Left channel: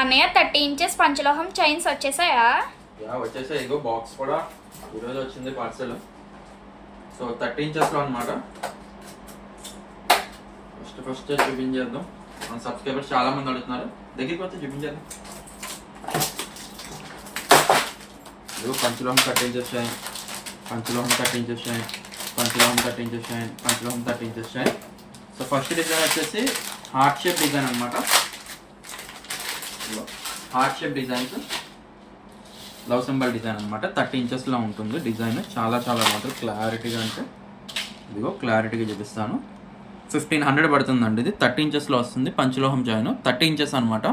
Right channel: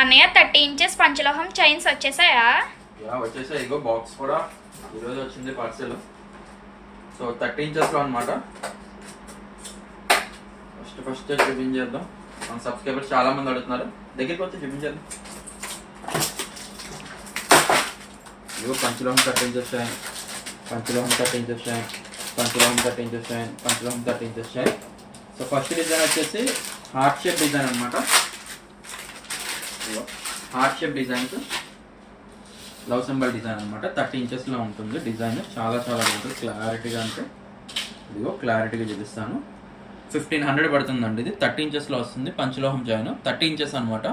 అన్నయ్య 30 inches పంచలోహం chains వచ్చేసాయా? వచ్చేసాయి. ఇగో box కూడా ఈరోజు వచ్చింది పార్సెల్. సో 30 ఇంచెస్లో అనమాట. ఫస్ట్ చూపించేద్దాం. మన సబ్స్క్రైబర్స్ చాలా మంది అడుగుతున్నారు, దగ్గరికి వచ్చి చూపించేద్దాం. ఇగో పంచలోహం 30 ఇంచెస్ చైన్, పంచలోహం 30 ఇంచెస్ చైన్, పంచలోహం 30 ఇంచెస్ చైన్, పంచలోహం 30 inches chain. So first design వచ్చేసి హార్ట్ షేప్ డిజైన్ అనమాట. Heart shape designs, love symbol design అనమాట. 30 ఇంచెస్లో ఉంటుంది డిజైన్. చాలా చాలా బాగుంటుంది క్లారిటీగా. అంటే ఇదిగో క్లారిటీగా చూపిస్తాను. 1500 పడుతుందండి. ఇది 30 ఇంచెస్లో వస్తుంది. పంచలోహం చైన్ 30 ఇంచెస్ అనమాట.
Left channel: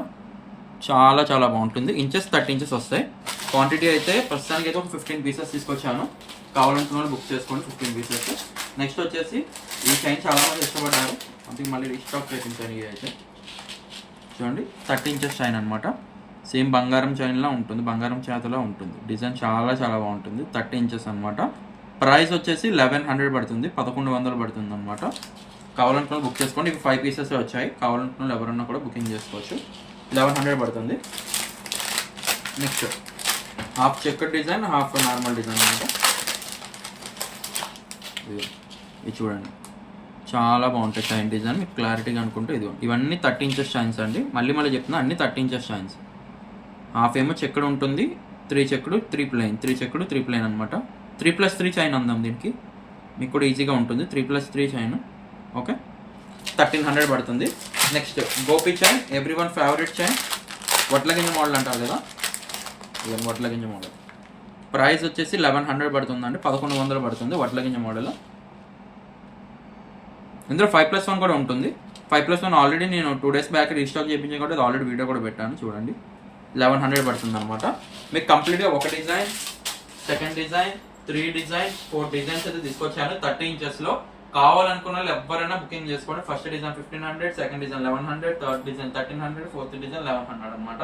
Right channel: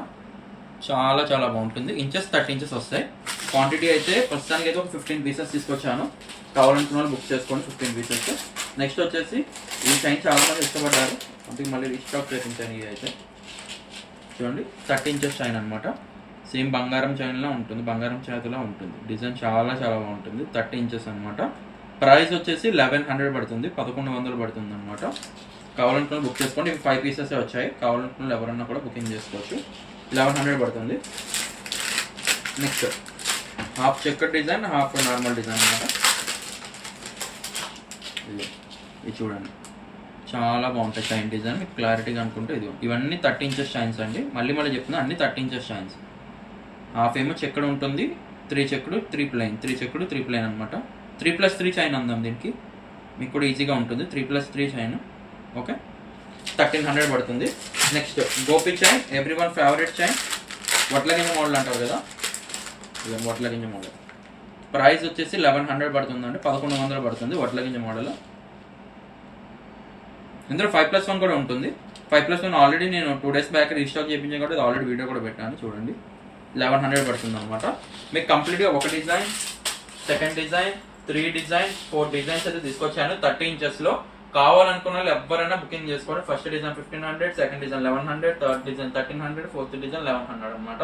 చాలా చాలా బాగుంటుంది. ఇంచెస్ 30 ఇంచెస్ వస్తాయి. క్వాంటిటీ అయితే ప్రస్తుతానికి అయితే ఒక 15 పీసెస్ తీసుకొచ్చాను. కావాలనుకున్న వాళ్ళు బుక్ చేసుకోండి 15 పీసెస్. నెక్స్ట్ వచ్చేసి ఈ చైన్ చాలా మంది ఇష్టపడ్డారు, అందుకే మళ్ళీ రీస్టాక్ చేయించాను. ఇది అయితే చూడండి 30 ఇంచెస్ చైన్ అనమాట. సేమ్ బంగారం చైన్లా ఉంటుంది, బంగారం చేతిలో ఉంటుంది. డిజైన్ చాలా చాలా బాగుంటుంది. 30 ఇంచెస్ అనమాట. ప్రైస్ వచ్చేసి 1100 పడుతుంది, 1100 పడుతుంది అనమాట. కావాలనుకున్న బుక్ చేసుకోండి. ఇవి 5 పీసెస్ వచ్చాయి. కావాలనుకున్న ఎవరన్నా కూడా బుకింగ్ చేసుకోవచ్చు. 1100 పడుతుంది. నెక్స్ట్ హాఫ్ చెక్కర్ డిజైన్, హాఫ్ నార్మల్ డిజైన్ అనమాట. ఇది చూడండి చాలా బాగుంటాయి చైన్ డిజైన్. మీకు క్లారిటీగా అనుకుంటే ఇది ఇవన్నీ 30 ఇంచెస్ చైన్స్ అండి. మళ్ళీ చెప్తున్నా, అన్ని 30 ఇంచెస్ చైన్స్. హాఫ్ ఏమో చెక్కడు ఉంటుంది, 3 చెక్కడు 3 ప్లెయిన్, 3 చెక్కడు 3 ప్లెయిన్ అనమాట. 3+3 చైన్ అందాం దీనికి, మీకు కూడా ఈజీగా ఉంటుంది. 3+3 చైన్. ఓకే, 1300 పడుతుంది. Next Gopi chain, everyone favourite chain. వడ్లగింజ మోడల్ అంటారు కదా, ఇవన్నీ వడ్లగింజ మోడల్. ప్రైస్ వచ్చేసి 1100 పడుతుందండి, 1100 పడుతుంది వడ్లగింజ మోడల్. ఇందులో 5+1 కూడా ఉంటుంది. 5+1 ఆల్రెడీ నేను 2 days బ్యాక్ రీస్టాక్ చేయించాను కూడా, ఆల్రెడీ వీడియో కూడా పెట్టాను చూడండి. 1100 పడుతుంది అనమాట. మీకు కంప్లీట్గా ఒక design, second design, 3 design, 4 designs అయితే తీసుకొచ్చాను 30 ఇంచెస్లో. కావాలనుకున్న వాళ్ళు ఎవరైనా బుకింగ్ చేసుకోండి. First design 1500, second design 1100, third design 1300, fourth design 1100 అనమాట.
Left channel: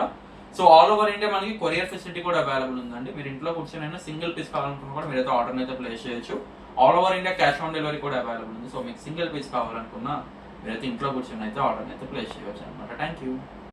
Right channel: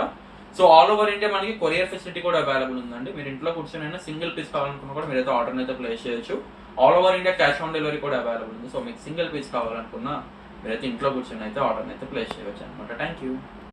సో ఆల్ ఓవర్ ఇండియా మనకి కొరియర్ ఫెసిలిటీ కూడా అవైలబుల్ ఉందండి. మీరు ఇంట్లో కూర్చొని సింగిల్ పీస్ కావాలనుకున్నా కూడా మీరైతే ఆర్డర్ అయితే ప్లేస్ చేయొచ్చు. All over India cash on delivery కూడా అవైలబుల్ ఉంది. సో మీకు సింగిల్ పీస్ కావాలనుకున్నా మీరైతే ఇంట్లో కూర్చొని అయితే ఆర్డర్ అయితే ప్లేస్ చేయవచ్చు అనమాట. Thank you.